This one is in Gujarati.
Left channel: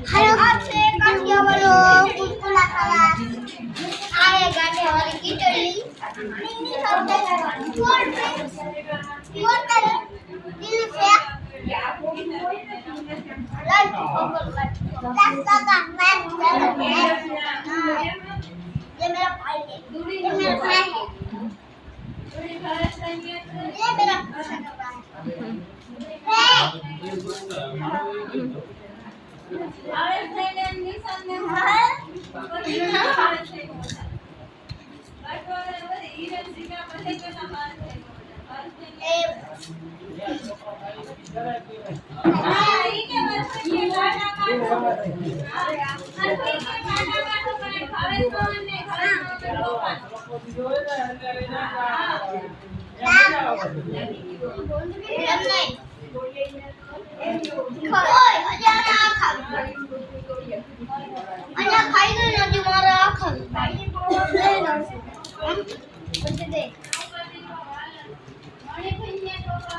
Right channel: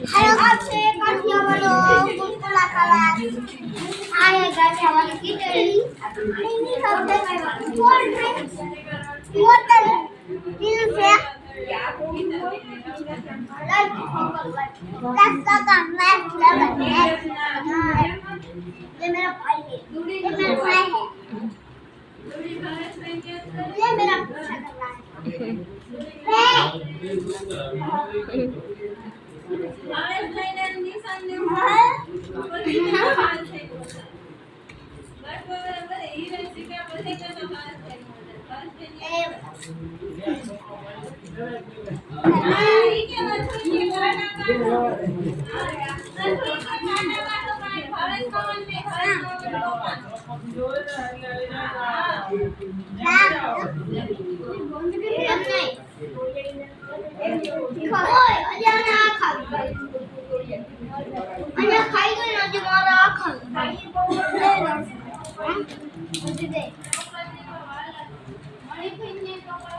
હાલો છે કાઠિયાવાડો ગુલગુલા ખાવા આ હે કાઠિયાવાડી ખીચડી ની ખાતે કોલ્ડ ડ્રિંક્સ બોટલ नीलू से लाइट फोकस रास्ता का मैच ये मेरा भाई है ये मेरा भाई है ये मेरा पूछा कर रहा है भारत लेने निशान ने ખાઈ ગયો નથી મારા આખા